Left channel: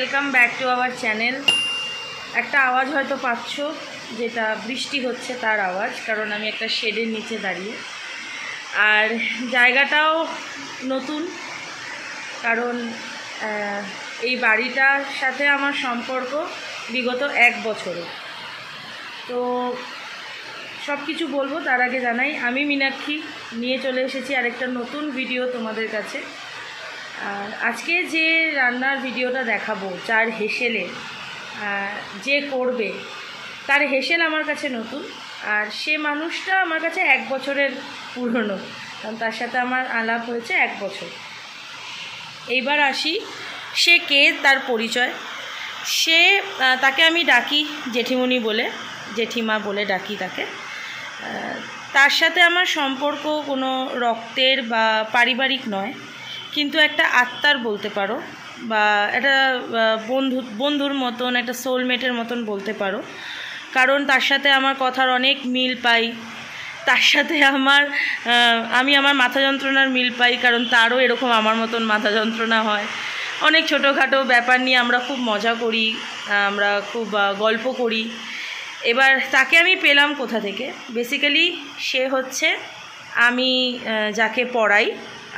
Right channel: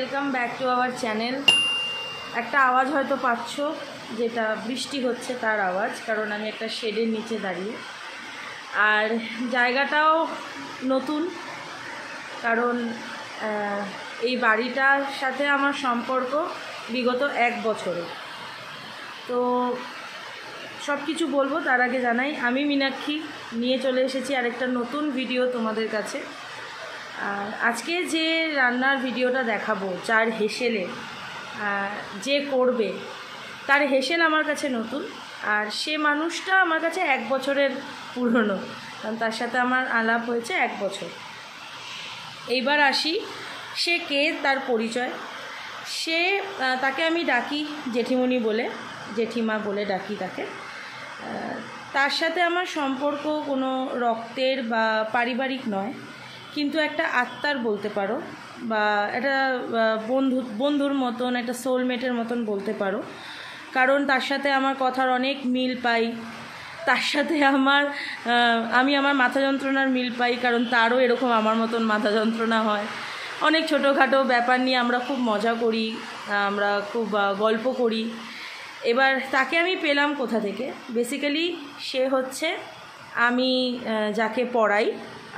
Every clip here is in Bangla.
Welcome back to our channel. একটা আওয়াজ হয়তো পাচ্ছ, যেটা বৃষ্টি হচ্ছে তার আওয়াজ, কারণ আমি একটা শেডের নিচে দাঁড়িয়ে। আর জায়গাটাও নতুন, কারণ এই বাড়িটার সাথে আমার সম্পর্ক বিগত 1 বছরে। তো সব কিছু বলবো, তার আগে জানাই আমি মীনাক্ষী নিয়ে চলে এসেছি আরেকটা নতুন ভিডিও তোমাদের কাছে। আর আজকে যে রান্নার ভিডিওটা দেখাবো, যার হেসেলে যে করবে তার হেসেল আমার কাছে নতুন, আর সে মানুষটা আমার কাছে 1 বছরের পুরনো, কারণ তার সাথে আমার আলাপ হয়েছে 1 বছর। এইবার আসি সে কে, তার পরিচয়। তাকে আমি ডাকি জেঠিমণি বলে, জেঠিমা বলে ডাকি তাকে। তার সাথে আমার সম্পর্ক কোনো রক্তের বা পারিবারিক নয়, কিন্তু একটা আত্মার বলতে পারো, বা একটা বন্ধুর মতন, একটা সোলমেটের মতন বলতে পারো। কারণ তার সাথে আমার কথার অনেক মিল পাই, তার সাথে আমি আমার মাথা যন্ত্রণার মিল পাই, কারণ তারও এরকম আমার মতন মাথা যন্ত্রণা হয়। অনেক ছোটোখাটো ব্যাপার নিয়ে আমরা খুব মজা করি, আমরা খুব গল্প করি। এবার তাকে আমি পেলাম কোথা থেকে? বেসিক্যালি সে হচ্ছে আমি যাকে পড়াই,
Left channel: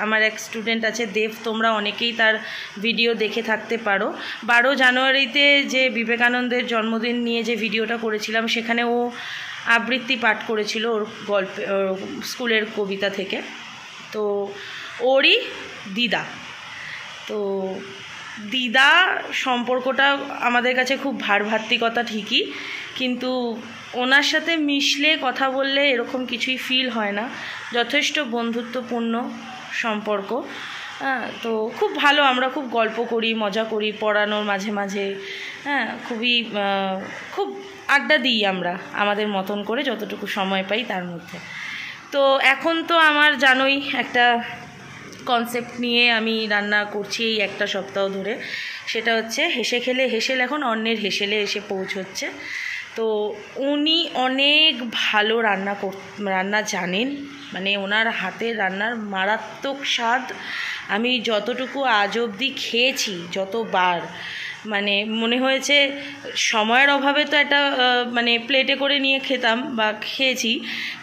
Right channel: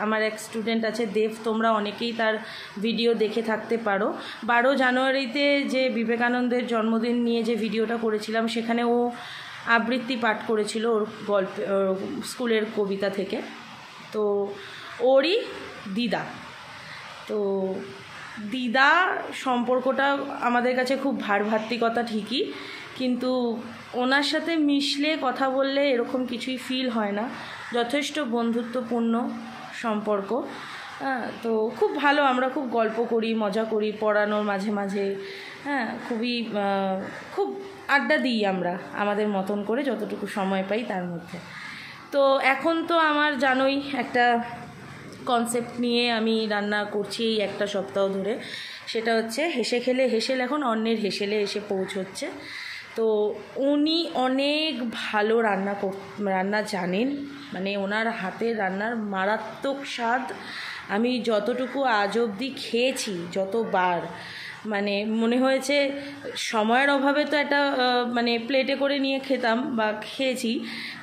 আমার এক স্টুডেন্ট আছে দেব, তোমরা অনেকেই তার ভিডিও দেখে থাকতে পারো। 12 জানুয়ারিতে যে বিবেকানন্দের জন্মদিন নিয়ে যে ভিডিওটা করেছিলাম, সেখানে ও আবৃত্তি পাঠ করেছিল ওর স্কুলের কবিতা থেকে। তো ওরই দিদা। তো দিদা সম্পর্কটা আমাদের কাছে খুব ভারভাত্তিকতা ঠিকই, কিন্তু ওনার সাথে মিশলে কথা বললে এরকম কিছুই ফিল হয় না। যথেষ্ট বন্ধুত্বপূর্ণ সম্পর্ক। তো খুব ভালো, আমরা খুব গল্প করি, মজা করি, পড়ানোর মাঝে মাঝে। খুব আড্ডা দিই আমরা আমাদের মতন করে, যতটুকু সময় পাই তার মধ্যে। তো এখন তো আমার জানোই একটা কনসেপ্ট নিয়ে আমি রান্না করছি এই 1 সপ্তাহ ধরে, সেটা হচ্ছে হেসে খেলে হেসেল এখন অন্যের হেসেলে এসে পৌঁছচ্ছে। তো উনি অনেক ভালো রান্না জানেন, মানে ওনার হাতের রান্নার মারাত্মক স্বাদ। আমি যতটুকু আজ অবধি খেয়েছি, যতবার, মানে মনে হয়েছে সময়ের অভাবে তো একটা মানে প্লেটে করে নিয়ে খেতাম বা খেয়েছি,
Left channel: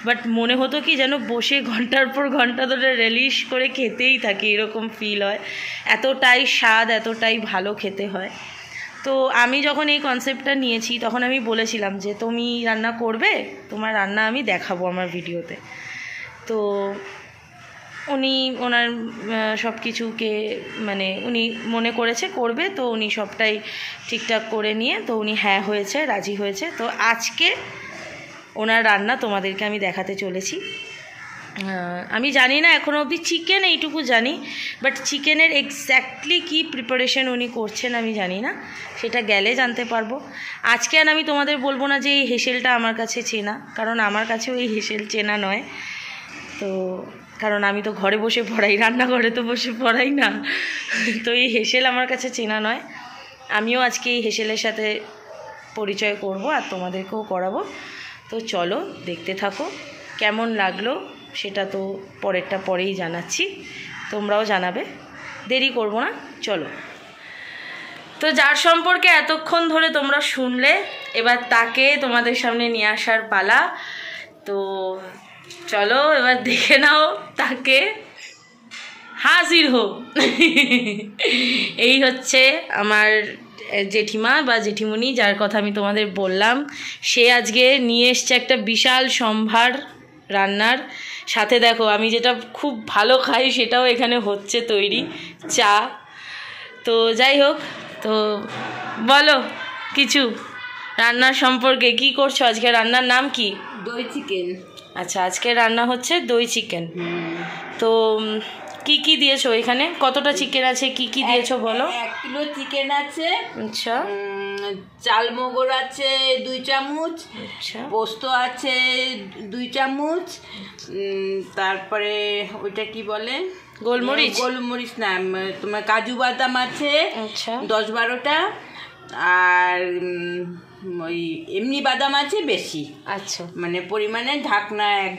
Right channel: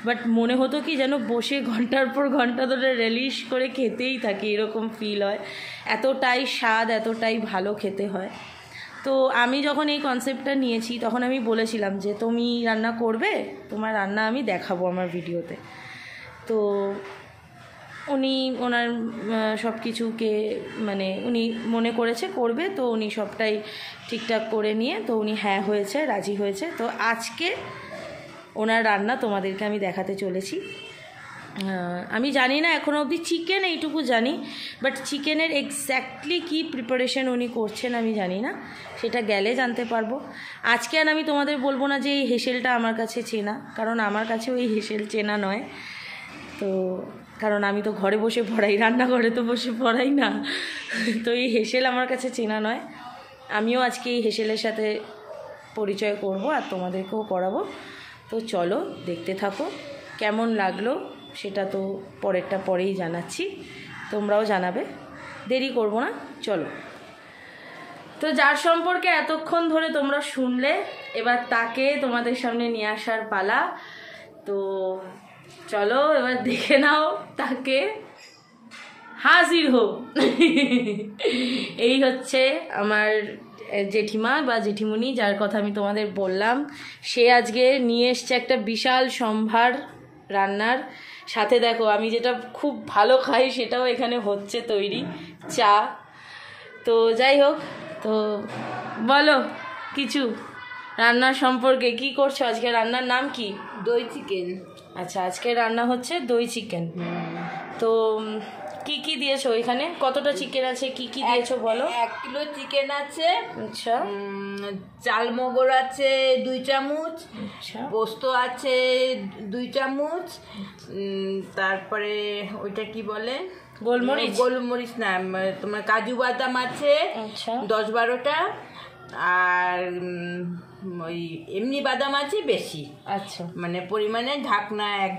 বাট মনে হতো কি যেন বসে ঘন্টার পর ঘন্টা ধরে রিলিশ করে খেতেই থাকি, এরকম ফিল হয়। এতটাই স্বাদ, এতটাই ভালো খেতে হয়। তো আমি যখন এই কনসেপ্টটা নিয়েছি, তখন আমি বলেছিলাম যে তুমি রান্না করবে, তোমার রান্না আমি দেখাবো আমার ভিডিওতে। তো উনি ওনার সব কিছুকে মানে উনি মনে করেছে করবে, তো উনি সবটাই ঠিকঠাক করে নিয়ে তো উনি হ্যাঁ হয়েছে, রাজি হয়েছে। তো আজকে ওনার রান্না তোমাদেরকে আমি দেখাতে চলেছি। আমি জানি না এখনও অবধি, চিকেন এইটুকু জানি, বাট চিকেনের এক্স্যাক্টলি কী প্রিপারেশন উনি করছেন আমি জানি না, সেটা গেলে জানতে পারবো। আজকে আর আমি তোমাদের বলবো না যে এই হেসেলটা আমার কাছে চেনা, কারণ আমার কাছেও এই হেসেল চেনা নয়। তো কারণ আমি তো ঘরে বসে পড়াই, রান্নাঘরে তো বসে পড়াই না। তো এই হেসেল আমার কাছে চেনা নয়। আমিও আজকে এই হেসেলের সাথে পরিচয় করব আর তোমাদেরকেও করাবো। তো চলো দেখতে থাকো, কেমন লাগলো সেটা তো পরেই জানাচ্ছি, তোমরাও জানাবে, দেরি করব না, চলো। তো যার সম্পর্কে এতক্ষণ ধরে তোমরা শুনলে, এবার তাকে তোমাদের সামনে নিয়ে আসার পালা। তো চলো এবার দেখে নাও তাকে, হাজির হোক। এই হচ্ছে আমার জেঠিমা বা জেঠিমণি, যার কথা আমি তোমাদের বললাম। সে আজকে নিয়ে এসছে একটা বিশাল সম্ভার রান্নার সাথে। দেখো আমি যেটা খুব ভালো খাই সেটাও এখানে হচ্ছে তৈরি, চা। তো যাই হোক, তো বলো কিছু রান্নার সম্পর্কে। কি করছো আজকে? রান্নার নাম কি? দই চিকেন। আচ্ছা, আজকে রান্না হচ্ছে দই চিকেন। তো কি কি দিয়েছো এখানে? কতটা চিকেন আছে, কি কি দিয়েছো বলো? 1 কিলো চিকেন আছে। আচ্ছা। চাল মগর আছে 2 চামচ। আচ্ছা। পোস্ত আছে 2 চামচ। তারপরে ওইটা কি বলে, গোলমরিচ? গোলমরিচ না, তোমার কাজু বাদাম আছে 10-12টা। আর ওই এমনি বাদাম আছে বেশি। আচ্ছা, মানে পরিমাণে 1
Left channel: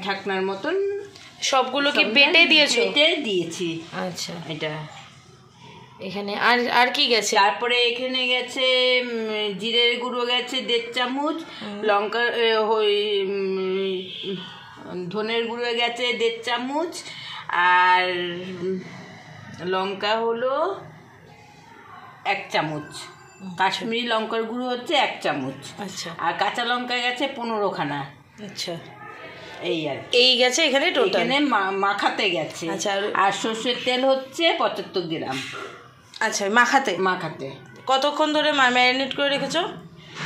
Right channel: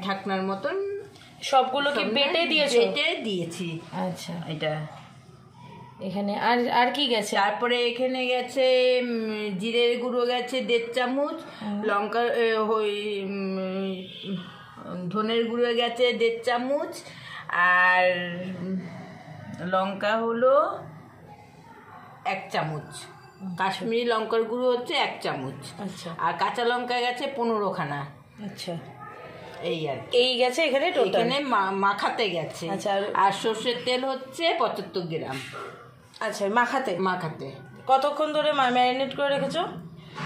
ঢাকনার মতন। সবগুলো কি বেটে দিয়েছো? বেটে দিয়েছি। আচ্ছা, এটা এখানে আর আর কি গেছে? তারপরে এখানে গেছে জিরের গুঁড়ো গেছে 1.5 চামচ, লঙ্কা ধনের গুঁড়ো গেছে 1.5 চামচ, আর লঙ্কা হলো 1 চামচ, কাশ্মীরি লঙ্কার গুঁড়ো হচ্ছে 1 চামচ। আচ্ছা। আর কাঁচা লঙ্কা গেছে 15খানা। আচ্ছা, এই আর এই গেছে এখানে টোটাল। এখানে মাখাতে গেছে। আচ্ছা, আর সর্ষের তেল হচ্ছে 75 গ্রাম। আচ্ছা, মাখাতে মাখাতে কতক্ষণ ধরে ম্যারিনেট করে রেখেছো?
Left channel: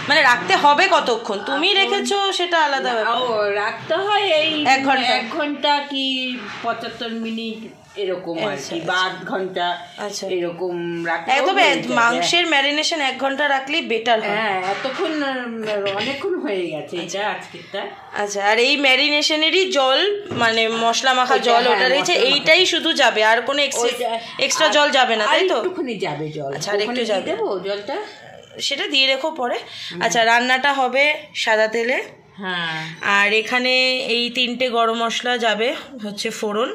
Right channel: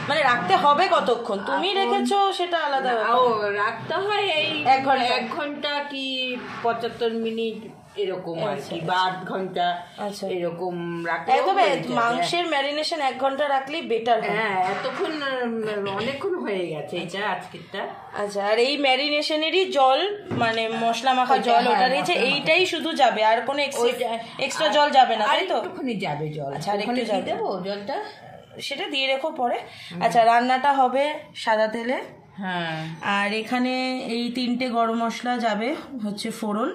মানে রাখতে হবে কতক্ষণ? তুমি রেখেছো সেটা আলাদা ব্যাপার। ও রাখতে হয় এই 1 ঘন্টা। 1 ঘন্টা কি 75 মিনিট এরকম আর কি, বা 8 ঘন্টা। আচ্ছা, এরকম রাখতে একদম মাংসের ম্যারিনেশন 1 ঘন্টা রাখলেই বেটার হয়। হ্যাঁ, এতক্ষণ অনেকক্ষণ হয়ে গেছে এটা আজকেরটা। আচ্ছা, আর এই ম্যারিনেশনেরই জল মানে মশলা মাখা জল ওটা রয়েছে, এইটাই শুধু যাবে, আর কোনো এক্সট্রা জল যাবে না, তাই তো? একটুখানি যাবে জল। আচ্ছা, আর একটু যাবে, দেবো জলটা, সেটা দিয়ে রেখো পরে। আচ্ছা, রান্নাটা হবে সাদা তেলে। হ্যাঁ, আর এখানে এই 3টে গরম মশলা যাবে, হচ্ছে ফোড়ন,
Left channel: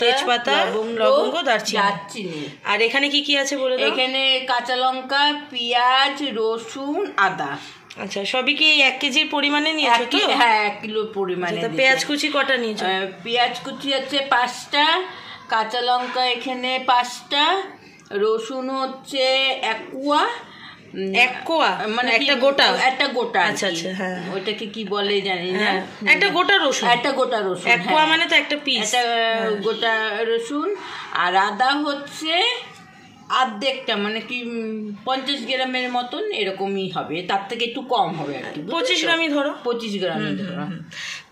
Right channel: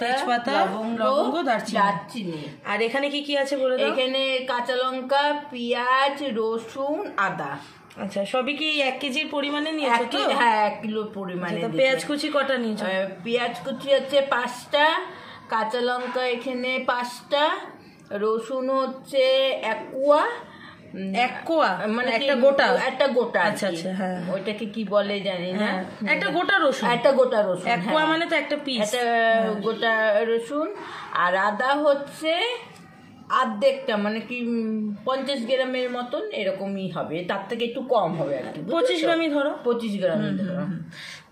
তেজপাতা, লবঙ্গ, দারচিনি। আর এখানে কি কি আছে বলে দাও? এখানে কাঁচা লঙ্কা, পেঁয়াজ, রসুন, আদা। আচ্ছা, সবই কি 1 কেজির পরিমাণে নিয়েছো তো? হ্যাঁ, 1 কিলো পরিমাণে। পেঁয়াজ কুচি কটা নিয়েছো? পেঁয়াজ কুচি হচ্ছে 5টা, কাঁচা লঙ্কা এখানে 5টা, রসুন হচ্ছে 1 কোয়া। 1 কোয়া মানে একটা গোটা? আচ্ছা আচ্ছা, হ্যাঁ, ওইটাকে কি বলে জানি না। একটা গোটা রসুন। 1 কোয়া মানে তো একটা পিস, একটা গোটা রসুন। আর আদা হচ্ছে আর্ধেকটা, মানে কি 50 গ্রামের মতন এরকমই হবে, তার থেকে একটু কম হবে আর কি। 25 গ্রামই ধরো। 25 গ্রামই ধরো।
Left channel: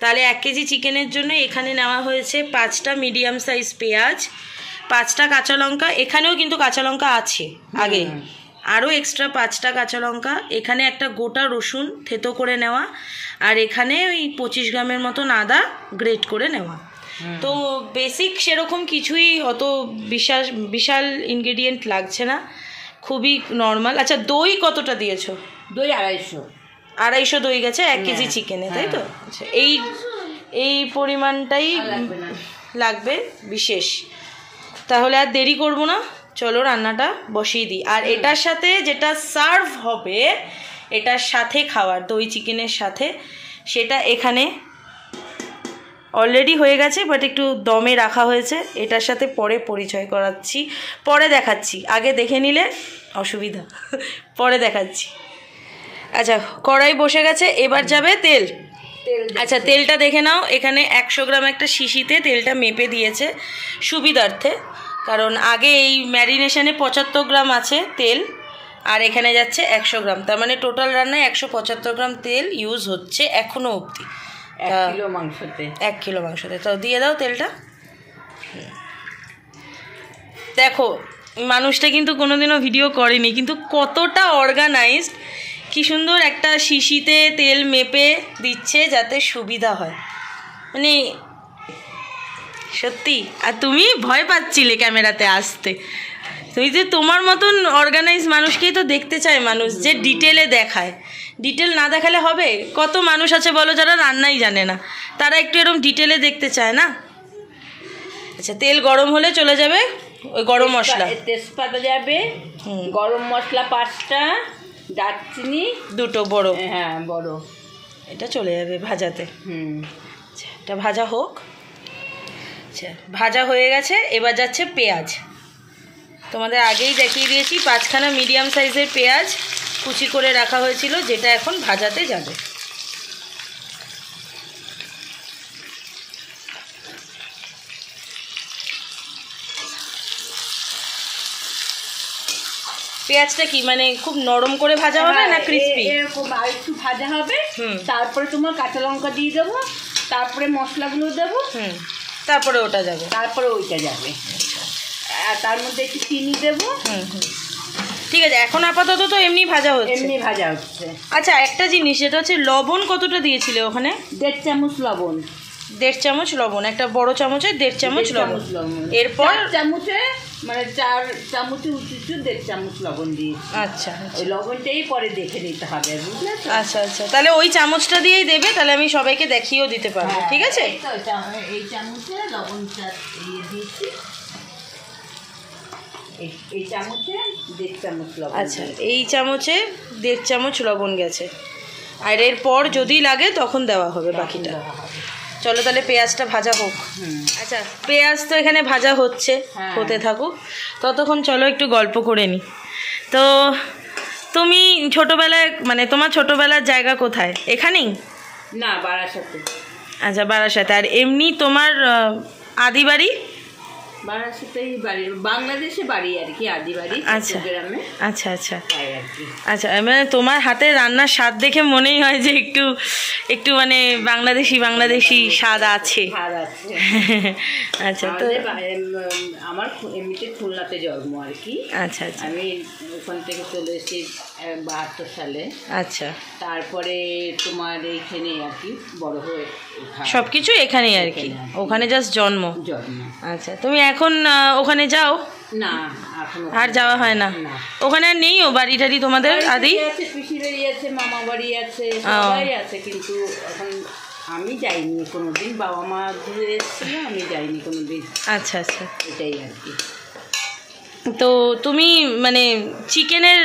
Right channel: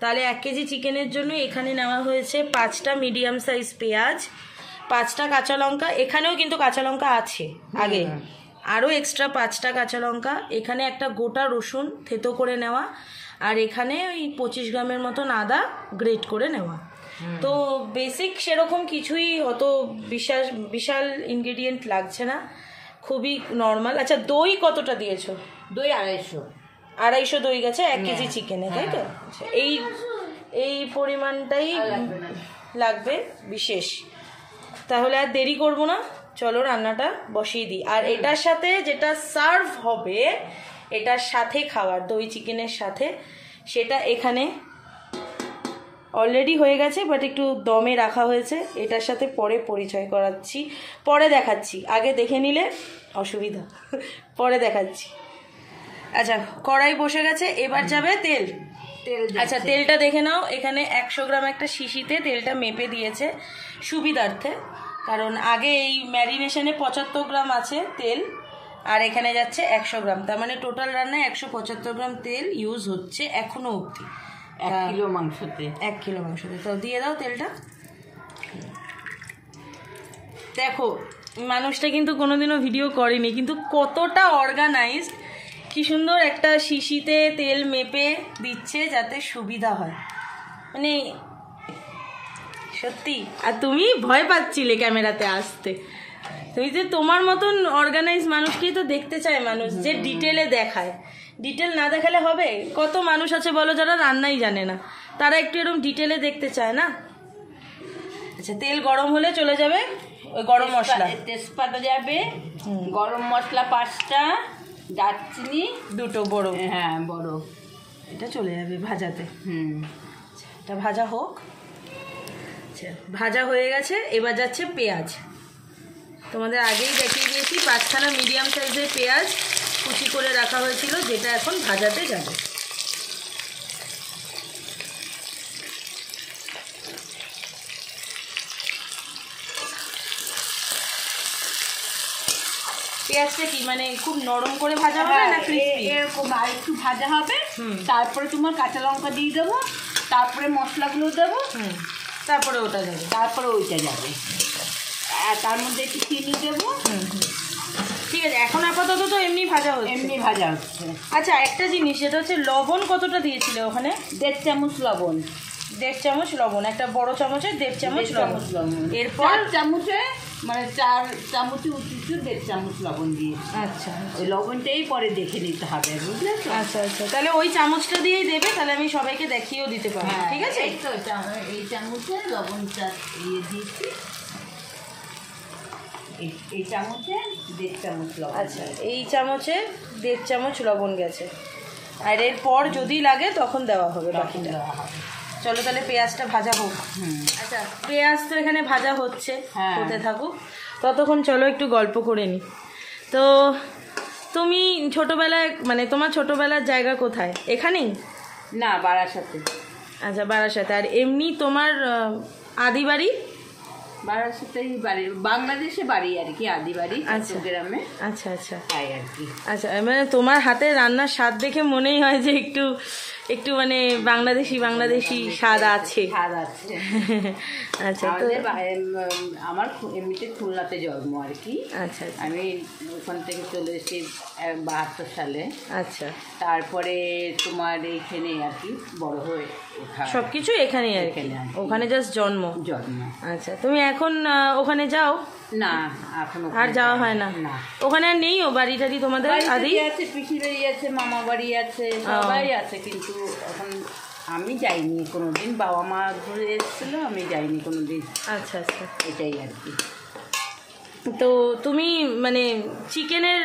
তাহলে 1 কেজি চিকেনের জন্য এখানে নেওয়া হয়েছে 5টা মিডিয়াম সাইজ পেঁয়াজ, 5টা কাঁচা লঙ্কা। এখানেও কিন্তু কাঁচা লঙ্কা আছে আগে, আরও এক্সট্রা 5টা কাঁচা লঙ্কা। এখানে একটা গোটা রসুন থেতো করে নেওয়া, আর এখানে ওই 25 গ্রামের মতন আদা গ্রেট করে নেওয়া। তো বেসিক সেরকম কিছুই অত বিশাল ইনগ্রেডিয়েন্ট লাগছে না, খুবই নর্মাল। আচ্ছা, দই কতটা দিয়েছো? দই 250 দই গেছে 1 কেজি চিকেনে, তাই তো? আচ্ছা, এই পরিমাণটাই লাগবে বিশেষ। তাহলে আর দেরি করব না, চলো রান্নাটা বসিয়ে দিই। আর এটার সাথে যেটা সার্ভ হবে, এটার সাথে খাওয়ার দই চিকেনের সাথে, সেটা এখানে অলরেডি হয়ে গেছে, বাট একটু দমে রাখা হয়েছে। এটার সাথে পরে পরিচয় করাচ্ছি, পরে দেখাচ্ছি, আগে দেখে নিলে অসুবিধা, পরে দেখাচ্ছি। আচ্ছা, কড়াই বসে গেছে, এবার যাবে তেল। আচ্ছা, তেলটা দেখে নাও। এখানে 100 গ্রাম একটা শিশিতে তেলটা মেপে দিয়েছে সুবিধার্থে, কারণ আগে এই ম্যারিনেশনে 75 গ্রাম আছে তেল, আর এখানে যাচ্ছে 100 গ্রাম, তার মানে টোটাল রান্নায় 175 গ্রাম তেল ইউজ হচ্ছে এখনো অবধি 1 কিলো মাংসতে। 1 কিলো মাংসতে। তো দিয়ে দাও তেলটা। দেখো, মানুষটা কিন্তু কোনোদিনও ভিডিও করেনি, কিন্তু কতটা অর্গানাইজড, কি সুন্দর একটা শিশিতে তেল মেপে দিচ্ছে যাতে সুবিধা হয়, মানে সত্যি। আর তুমি ভয় পাচ্ছিলে ক্যামেরাতে আসতে, তুমি যে তোমার মতন অর্গানাইজ মানুষকেই তো দেখতে চায় মানুষ, যে ডিটেলে দেখায়। ডিটেল না দেখালে হবে? কত মানুষ আছে বলো যারা রান্নাই জানে না, তারা একটু এরকম ডিটেলে দেখতে চায় না? আচ্ছা, তেল গরম হলে চলে যাবে ওই গরম মশলা, তেজপাতা যাবে, গরম মশলা 5টা, দারচিনি 2টো বড়, হ্যাঁ বড়, এটা চলে যাবে ভাজাতে। আচ্ছা, এটা ভাজা হোক। আচ্ছা, ভাজা হয়ে গেছে, এবার যাচ্ছে পেঁয়াজ। তোমাদের আগেই দেখিয়ে দিয়েছি 5খানা মিডিয়াম সাইজের পেঁয়াজ কুচি করে রাখা হয়েছিল, যেটা এখন ভাজাতে যাবে। পেঁয়াজটা কি মানে খুব নরম করে ভাজা হবে না ক্রিস্পি? এরকম আর একটু ভাজা হবে, তারপরে তোমার কাঁচা লঙ্কা দিয়ে দেবো, তারপরে মশলাগুলো দেবো, তারপরে ওটা যাবে, তারপরে ওইটা যাবে, আর তার মধ্যে একটু চিনি দেবো। ঠিক আছে, এখন আপাতত তো এমনি ভাজা হচ্ছে, এমনি ভাজা হচ্ছে। আচ্ছা, একটা জিনিস, যেটা হচ্ছে লবণ কতটা দিয়েছিলে ওখানে? 1.5 চামচ লবণ। 1.5 চামচ লবণ, একটা বড় চামচে 1.5 চামচ লবণ। এরপর 4 চামচে মানে 4 চামচে উঁচু 1.5 চামচ লবণ দিয়ে। আচ্ছা, ওই লবণটাই পরে দেখে নিতে হবে, বুঝলে? আচ্ছা আচ্ছা, তাহলে ওই চামচটা দিয়েই দেবে, তাহলে আমি সবাইকে দেখিয়েও দিতে পারবো। ঠিক আছে, এই চামচে লবণটা দিয়ে দিয়েছি। এই চামচে 1.5 চামচ লবণ। আচ্ছা, এই চামচে 1.5 চামচ লবণ গেছে, আর এরপর যদি লাগে তখন দেওয়া হবে বাকিটা। চলো তাহলে পেঁয়াজটা ভাজা হোক। আচ্ছা, পেঁয়াজ তো এখানে ভাজা হচ্ছে, হতে থাকুক, ততক্ষণ চলো একটু গল্প করে নিই। তো তুমি ছোটোবেলায়, মানে তোমার ছোটোবেলার জায়গা কোথায়? এখানেই? না, বারাসাতে। আচ্ছা, বারাসাতে। আর এমনি তোমার আদি বাড়ি? বারাসাতেই বাড়ি, বাংলাদেশে বাড়ি আর কি, আদি বাড়ি চট্টগ্রামে। আচ্ছা আচ্ছা আর কি। আচ্ছা, মানে তোমার হাতে রান্নার স্বাদ দেখে মনেই হয় যে একটু একটু মানে বাংলাদেশি স্বাদ আছে। আচ্ছা, তো আমার এমনিতে খুলনাতে জন্ম আর কি। আচ্ছা আচ্ছা, আমি ওখান থেকে চলে এসেছি 72 সালে। আচ্ছা, তারপরে তোমার এইখানে আর কি বড় হয়ে সব কিছু এখানেই আর কি, ওখানে জাস্ট জন্ম। আচ্ছা, তুমি এখন ওখানে যাও? না, এখন আর যাওয়া হয় না? ওখানে আর নেইও বাড়ি টাড়ি তোমাদের? আদি আছে, পিসি বাড়ি আছে, মামা বাড়ি আছে, সবাই আছে, কিন্তু এখন আমি যাইনি কোনোদিন। বাবা মা ঘুরে এসেছিল, আমি যাইনি কোনোদিন। আচ্ছা আচ্ছা, এটাই আর কি। তো তুমি মানে চিকেনের,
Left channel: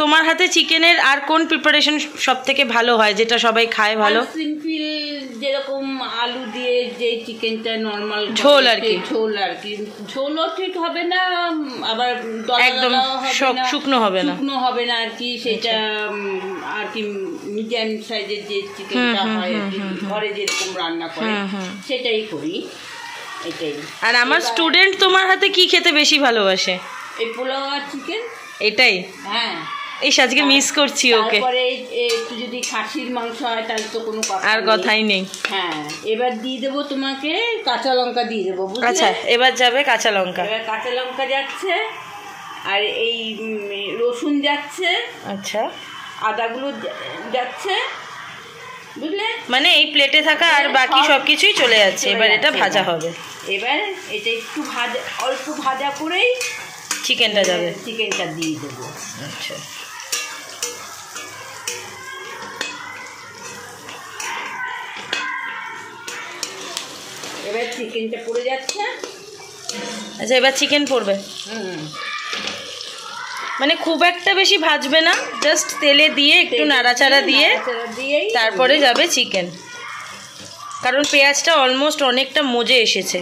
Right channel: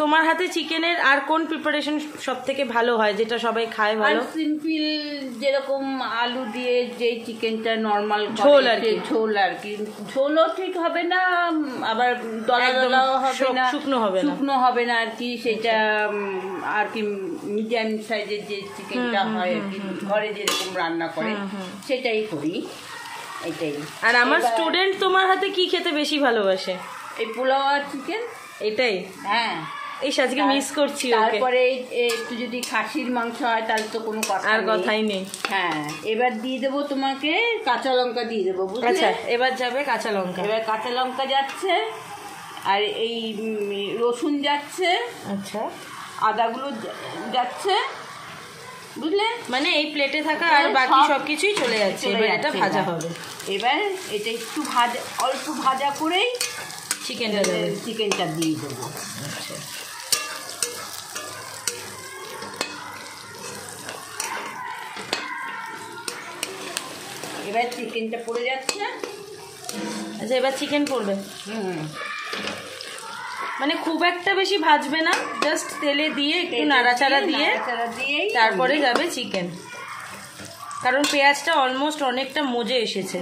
তোমার হাতে চিকেনের আর কোন প্রিপারেশন সব থেকে ভালো হয়, যেটা সবাই খায় ভালো? সিম্পল, যেরকম আলু দিয়ে যে চিকেনটা নর্মাল ঝোল আর কি। ঝোলও ঠিক হবে না, আবার একদম শুকনো হবে না আর কি। সেটা আর কি মিডিয়াম সাইজের যে চিকেনটা হয় আর কি, ঘরে যেরকম রান্না করে সেটাই করি, এটাই। আর আমার স্টুডেন্ট তোমার হাতে কি খেতে বেশি ভালোবাসে? এই পোলাও আর চিকেন, এটাই। হ্যাঁ, এই আজকে মিস করছি ওকে। তারপরে একটু যদি খাসির মাংস হয় তাহলে তো কোনো কথা আর কথাই নেই। হ্যাঁ, এবার দিয়ে দেবো তোমাকে কাঁচা লঙ্কা দিয়ে দেবো। আচ্ছা, এবার যাবে কাঁচা লঙ্কা। এবার কাঁচা লঙ্কা যাচ্ছে, আর এই রসুন যাচ্ছে, আচ্ছা, আদাগুলো যাচ্ছে, বুঝলে? মানে এই প্লেটে থাকা আর বাকি সব কিছুই চলে যাচ্ছে। এবার এটা ভাজা হবে। এবার এটা একটু ভাজা, অল্প ভাজা করেই চিকেনটা যাবে, চিকেনটা দিয়ে দেবো। আচ্ছা, এবার চিকেনটা পড়ে যাচ্ছে। আচ্ছা, এবার চিকেন পড়বে। মানে খুব একটা বেশি ভাজবে না, জাস্ট তেলে দিয়ে একটু নাড়াচাড়া দিয়ে তারপরে যাবে চিকেন, কারণ পেঁয়াজটা অলমোস্ট অনেকটা মজে এসেছে।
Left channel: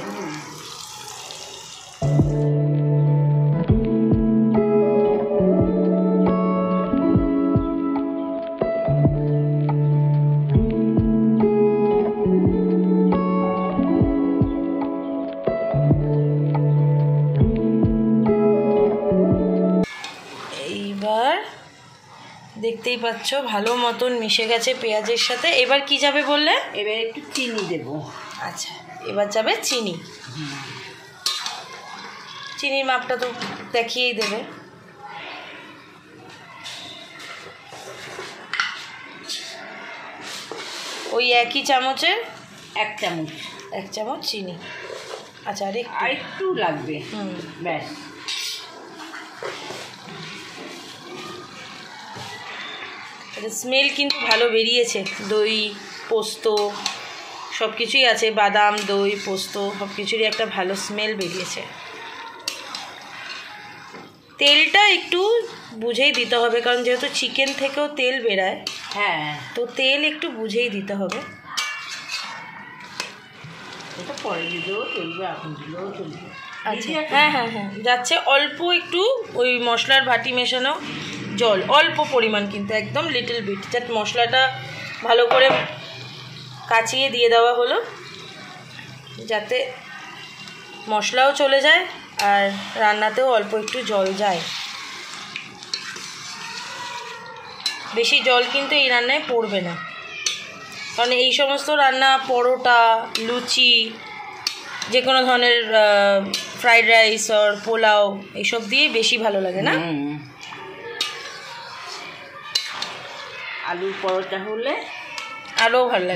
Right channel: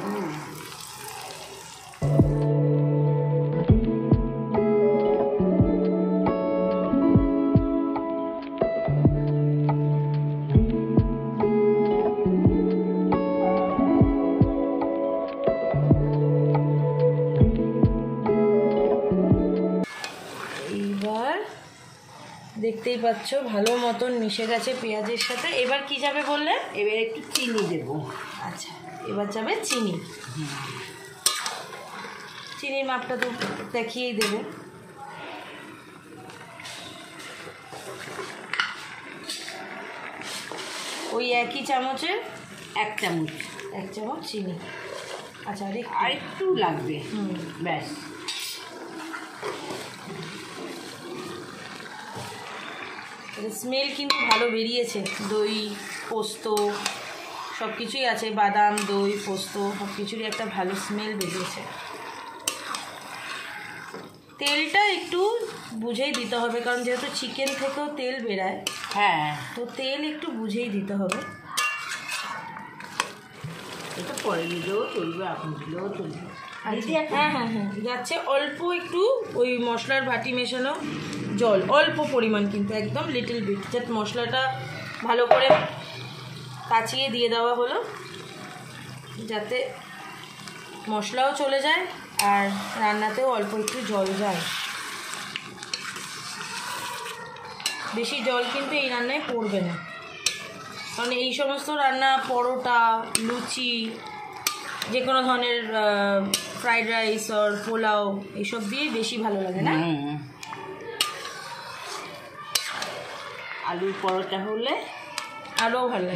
দেখতেই পাচ্ছ ভালো মতন মিশে গেছে পেঁয়াজের সাথে। এবার কি যাবে বললে? এবার একটু চিনি দেব। আচ্ছা, এবার যাবে চিনি। চিনির মাপটা তো দেখিয়েই দেবে। ওই একই চামচের 1 চামচ, 1 চামচ চিনি। আচ্ছা, আর একটু লাগবে, ব্যাস। স্মেল কিন্তু ভালো বেরিয়েছে, দই পোস্ত সব কিছুই আছে, বাদাম দই পোস্ত সব কিছুরই একটা ভালো স্মেল বেরিয়েছে। তেলটা একটু বুঝেই দিতে হবে, কারণ যেহেতু চিকেন থেকেও তেল বেরায়। হ্যাঁ, তো তেল একটু বুঝেই দিতে হবে। এটা পরে দিলেও চলবে, এখন দিলেও চলবে। আচ্ছা, হ্যাঁ হ্যাঁ হ্যাঁ, যাচ্ছে অল্প একটু ওই মশলার বাটি মেশানো জল, অল্প পরিমাণ, কিন্তু একদম লিটল বিট, যাতে মশলাটা ভালো করে কাচিয়ে দিয়ে দেওয়া হলো, যাতে মশলাও চলে যায় আর রান্নাতেও অল্প একটু জল যায়। বেশি জল কিন্তু এই রান্নায় পড়বে না, কারণ এই সমস্ত রান্না পরোটা, লুচি, যে কোনো ধরনের ফ্রাইড রাইস আর পোলাও এইসব দিয়ে বেশি ভালো লাগে না? আলুর পরোটা হলে আরও ভালো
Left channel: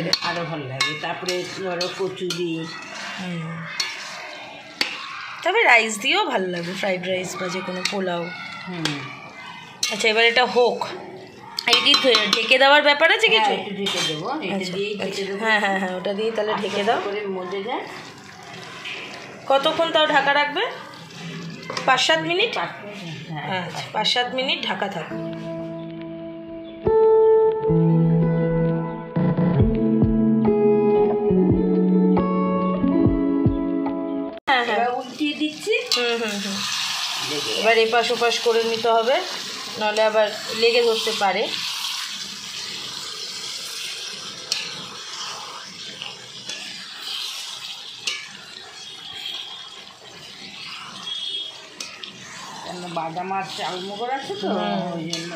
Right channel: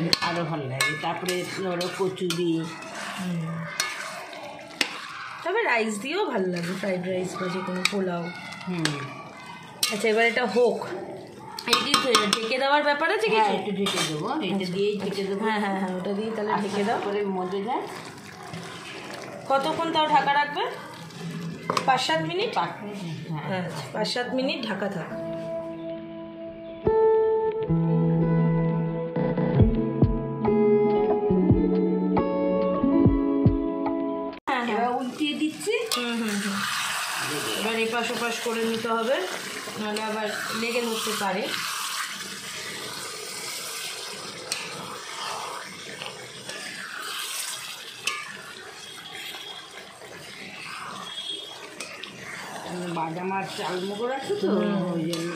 লাগে, তারপরে ধরো কচুরি, তবে রাইস দিয়েও ভালো লাগে, ফ্রাইড রাইস বা যে কোনো পোলাও। আচ্ছা, এবার এটা হোক। এটি ঢেকে দেওয়ার ব্যাপার আছে কিছু? একটু ঢেকে দেবো, এটা দিয়েই ঢেকে দেবো। হ্যাঁ হ্যাঁ হ্যাঁ, ওটা দিয়ে তাহলে ঢেকে দাও। করে মজে যায়। কতক্ষণ তাও ঢাকা রাখবে? 5-7 মিনিট। হ্যাঁ, 5-7 মিনিট ঢাকা থাক। এবার উল্টিয়ে দিচ্ছি। এবার এপাশ ওপাশ করে নিতে হবে, নাহলে আবার লেগে ধরতে পারে। বাদাম আর চালমগর আছে তো ওই জন্য।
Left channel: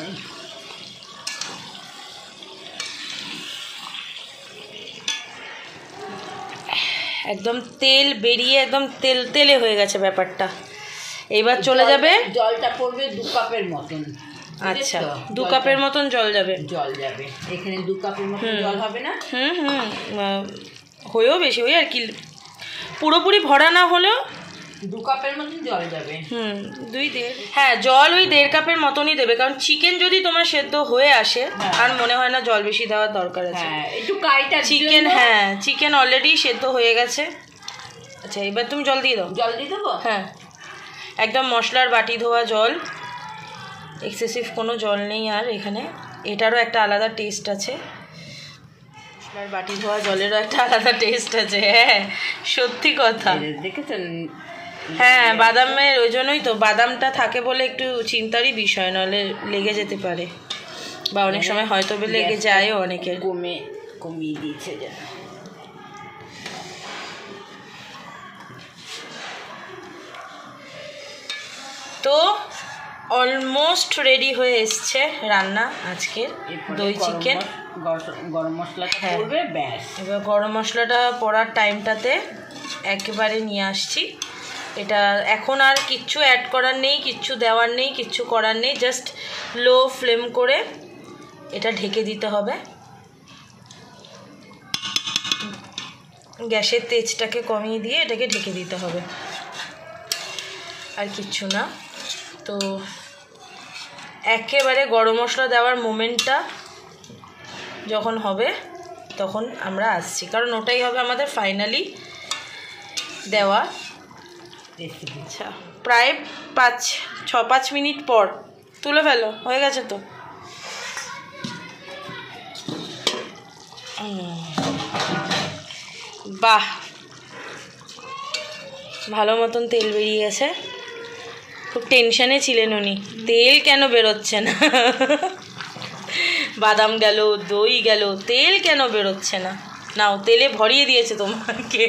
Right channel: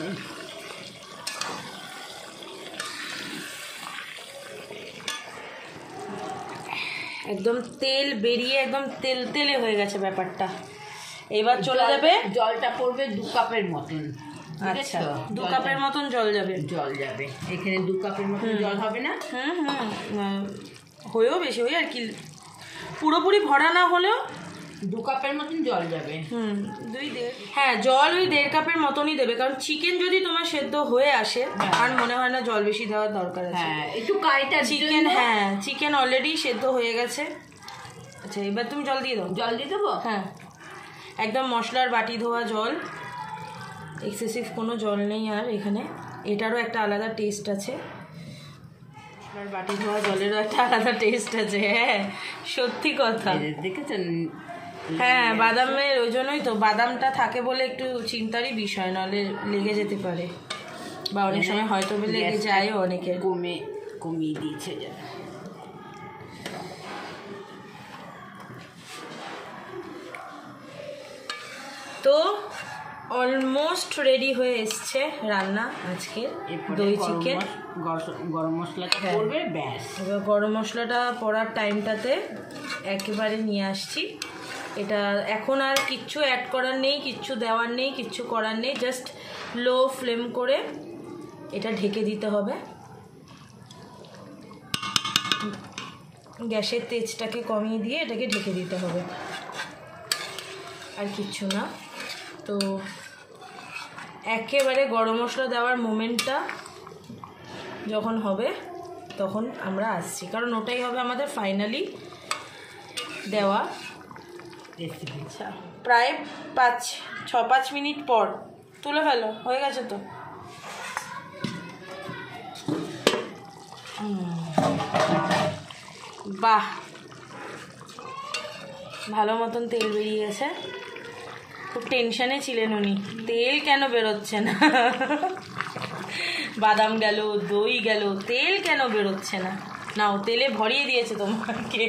একদম তেল বেরিয়ে একদম তেল তেলে হয়ে গেছে ব্যাপারটা। এবার চলে যাবে, জলটা পড়বে 2 কাপের মতন। আচ্ছা 2 কাপের মতন জল যাবে। জল যাবে এখানে 2 কাপের মতন জল হবে না? হয়েও বেশি ওই আর কি, পুরোপুরি ভরা না হলেও 2 কাপের মতন জল যাবে। 2-1.5, হ্যাঁ জল ওই 1.5 কাপের মতনই দেবে, কারণ চিকেন যদি তোমার সেদ্ধ হয়ে আসে আর মনে হয় না জল বেশি দেওয়ার দরকার আছে। হ্যাঁ একটু কাইটা চিকেন, হ্যাঁ চিকেন অলরেডি সেদ্ধ হয়ে গেছে। আচ্ছা এবার তুমি জল দিয়ে দাও। জল দিয়ে দেবো? হ্যাঁ একদম মশলার বাটি ধোয়া জল, এক্সেসিভ কোনো জল নেই আর এখানে। এটারও একটা আলাদা টেস্ট আছে, মশলার বাটি ধোয়া জলেরও একটা আলাদা টেস্ট আছে। হ্যাঁ সত্যি কথা। দেখেছেন? হ্যাঁ বাদামের, ওই জন্যই তো বাদামটা থাকে বলে একটু চিন্তারই বিষয়, নাহলে লেগে যেতে পারে, বা অনেক সময় হয়তো লেগে যায়ও অনেকের। কমিয়ে দিয়েছে যেন। তো অলমোস্ট রেডি হয়ে এসছে রান্না আজকের দই চিকেন। গরম মশলাটা পড়বে ব্যাস। এবার গরম মশলাটা পড়ার টাইমটাতে একেবারে নিয়ে আসছি। এটা এখন আর কিচ্ছু অ্যাড করার নেই, কিচ্ছু দেওয়ার নেই, কিচ্ছু করার নেই, জাস্ট লো ফ্লেম করে এটা ঢেকে দিতে হবে। গ্যাসের তেজটাকে কমিয়ে দিয়ে এটাকে ঢেকে দিতে হবে, আর কিচ্ছু না। তো একেবারে গরম মশলা দেওয়ার মোমেন্টটা যখন হবে তখন আমরা আসছি, কারণ ওটাই হবে আমাদের ফাইনালি দেওয়া। আচ্ছা প্রায় 5 মিনিট পর তুলে ফেলো, হয়ে গেছে তো। বাহ ভালো মতন তেল বেরিয়ে গেছে। খুব টেনশানে ছিলেন উনি, তেল কেন বেরোচ্ছে না, বাদাম গেল দই গেল, তেল কেন বেরোচ্ছে না। নাও তেলে ভরিয়ে দিয়েছে তোমাকে।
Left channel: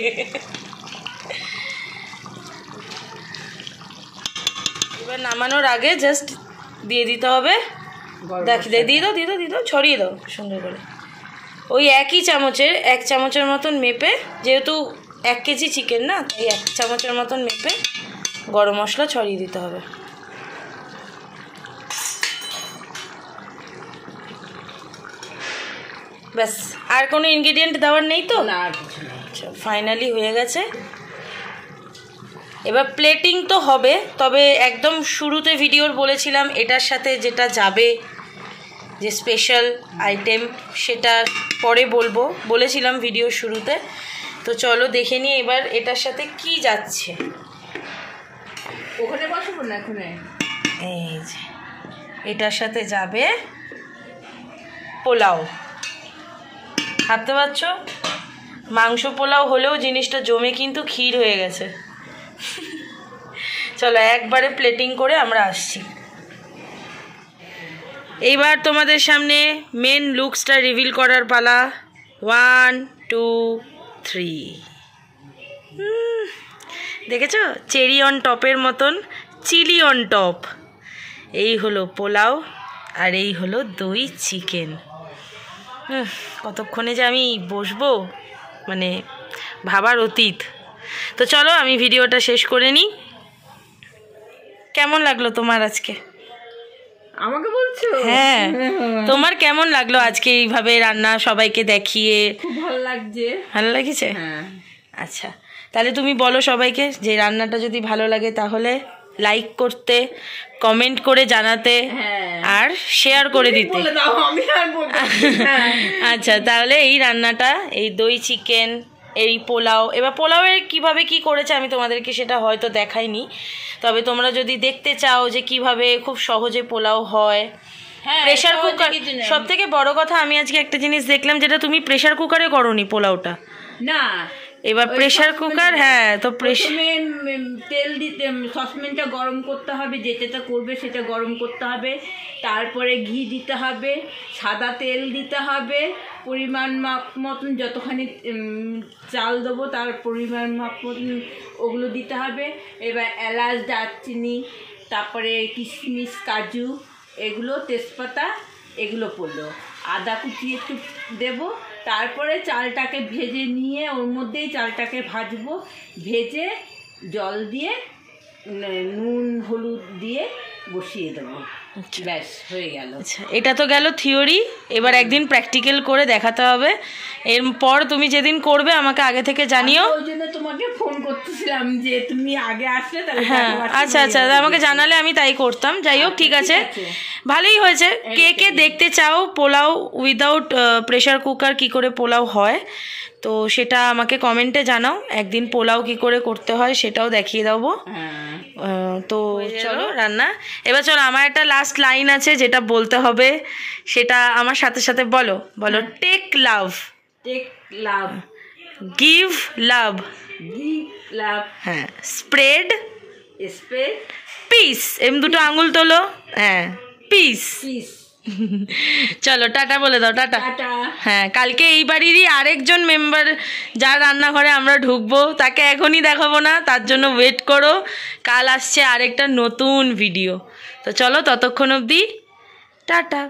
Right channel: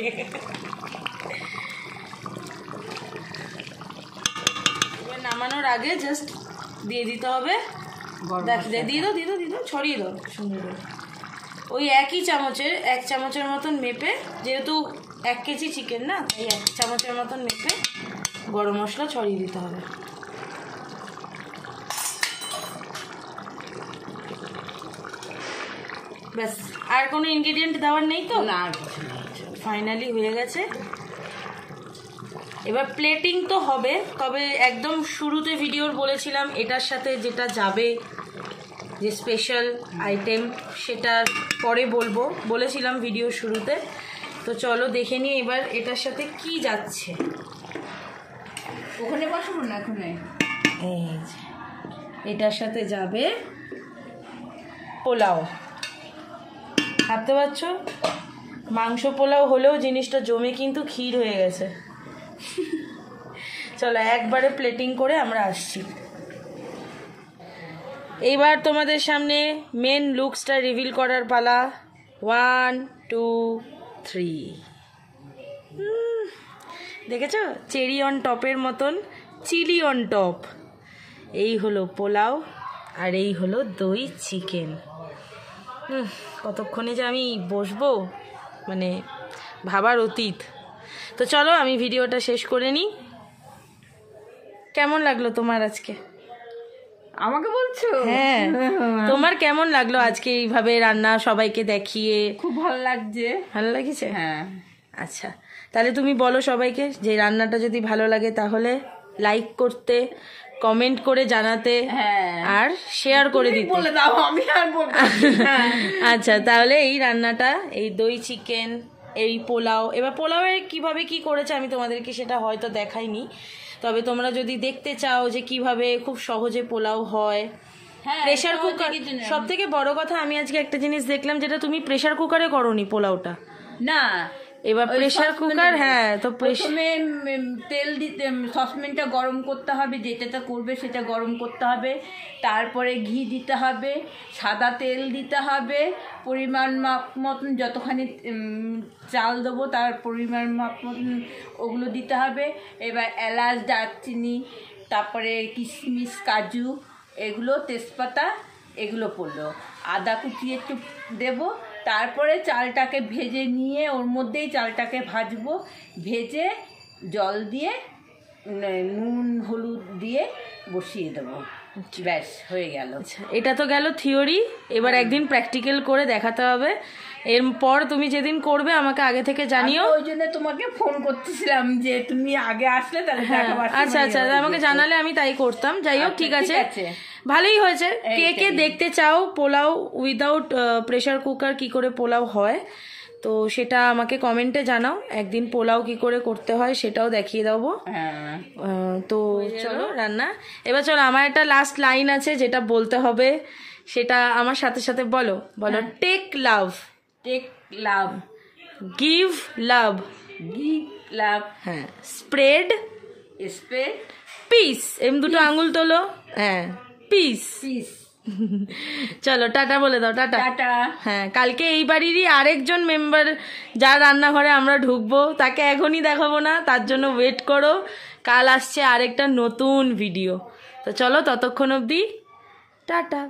এবার নামানোর আগে জাস্ট দিয়ে দিতে হবে, দিয়ে দাও ছড়িয়ে দাও সুন্দর করে। ওই একই চামচের 1 চামচের মতন মেপে, যেহেতু 1 কেজি চিকেন না, তাই 1 চামচের মতন মেপে গরম মশলা ছড়িয়ে দিতে হবে। ব্যাস আর কোনো ইনগ্রেডিয়েন্ট দেওয়ার নেই তো? না আর কিছু না। আচ্ছা ফাইনালি হয়ে গেছে। এবার প্লেটিং তো হবে, তবে একদম শুরুতে ভিডিওর বলেছিলাম এটার সাথে যেটা যাবে, যে স্পেশাল আইটেম, সেটা পরে বলেছিলাম ভিডিও শুরুতে। তো চলো দেখে নিই এবার এটার সাথে কি যাচ্ছে। ওখানে বসাবো না এখন? এই যে এটার সাথে যাবে পোলাও। ভাবতে পারছো মাংস পোলাও হলেও জিনিসটা জমে কিন্তু ক্ষীর হয়ে গেছে। চলো একবারে প্লেটিং করে আমরা আসছি। এইবার তোমাদের সামনে মেন লুকসটা রিভিল করার পালা। 1 2 3। দেখেছো চেরি অন টপের মতন, চিলি অন টপ। এই হলো পোলাও আর এই হলো দই চিকেন। কতক্ষণে যে আমি বসবো মানে ভাবার অতীত। তো চলো আমি ভিডিওটা শেষ করে নিই। কেমন লাগলো তোমার আজকে? আমাকে বলছো? হ্যাঁ তোমার কেমন লাগলো আজকে এইভাবে রান্না সবাইকে দেখিয়ে? খুব ভালো লাগছে। ভালো লাগছে? হ্যাঁ। আচ্ছা তাহলে তুমি বলো সবাইকে যে রান্নাটা যদি ভালো লাগে তাহলে লাইক করতে, কমেন্ট করে জানাতে, আর শেয়ার করে দিতে। বলে দাও, আমি আর বলবো না। আচ্ছা তাহলে এই রান্নাটা, এই দই চিকেন এই পোলাও, এবার পোলাওয়ের কিভাবে কি করেছে আমি তোমাদেরকে সেটা হয়তো দেখাইনি, তবে তোমরা যদি দেখতে চাও যে কিভাবে খুব সহজে পোলাও হয়, প্রেশার কুকার, সব থেকে বড় কথা আমি আজকে একটা জিনিস দেখলাম যেটা তুমি প্রেশার কুকারে করোনি পোলাওটা, না এবার প্রেশার কুকার, হ্যাঁ তো প্রথমে তেল দিতে, সসপ্যানটা গরম করতে হবে, যেটাতে করবে সেটা গরম করতে হবে, তারপরে ঘি দিতে হবে, সাদা তেল দিতে হবে, পরিমাণ মাপ মতন যতখানি চাল দেবো তার পরিমাণ মাপ মতন ওগুলো দিতে হবে। এবার এলাচ, দারচিনি, তারপরে কিশমিশ, কাজু, এগুলো, তেজপাতা, এগুলো পড়লো, আদা কুচি একটু দেবো, তারপরে চালটাকে ভেজে নিয়ে ওর মধ্যেই চালটাকে ভাজবো, ভেজে জল দিয়ে নুন হলুদ দিয়ে বসিয়ে দেবো, ব্যাস হয়ে গেল। আচ্ছা, এটা তো গেল থিওরি, এবার একদিন প্র্যাকটিক্যাল করে দেখাতে হবে। এরপর তুমি যেদিন করবে আমাকে আগে থেকে জানিও। ওই জন্য তোমাকে ফোন করতেছিলাম যে তুমি আগে আসলে তাহলে। হ্যাঁ আচ্ছা আচ্ছা, আমাকে জানালে আমি তাই করতাম। যাই হোক, ঠিক আছে, ভালোই হয়েছে। কে কে দেখতে চাও পোলাও উইদাউট প্রেশার কুকার কি করে পোলাও হয়, তো সেটা আমাকে কমেন্টে জানাও। একদিন পোলাও কি করে করতে হয় সেটাও দেখিয়ে দেবো। তো চলো রান্না, এবার চলো আমার একটা লাস্ট লাইন আছে যেটা বলতে হবে, সেটা আমার সাথে সাথে বলো। বলো, টেক লাভ, টেক লাভ, গিভ লাভ, গিভ লাভ, হ্যাঁ, স্প্রেড স্প্রেড পিস, দুটো আঙুল তোলো, হ্যাঁ, পিস। পিস। চলো টাটা বলে দাও, টাটা। হ্যাঁ, কালকে এই বাড়িরই আরেকজন মেম্বার যার রান্নাঘরে আমরা ঢুকবো তাকে এখনই দেখাবো না, তার জন্য ওয়েট করো, কাল আসছে আরেকটা নতুন ভিডিও। তো চলো ততক্ষণ অবধি টাটা।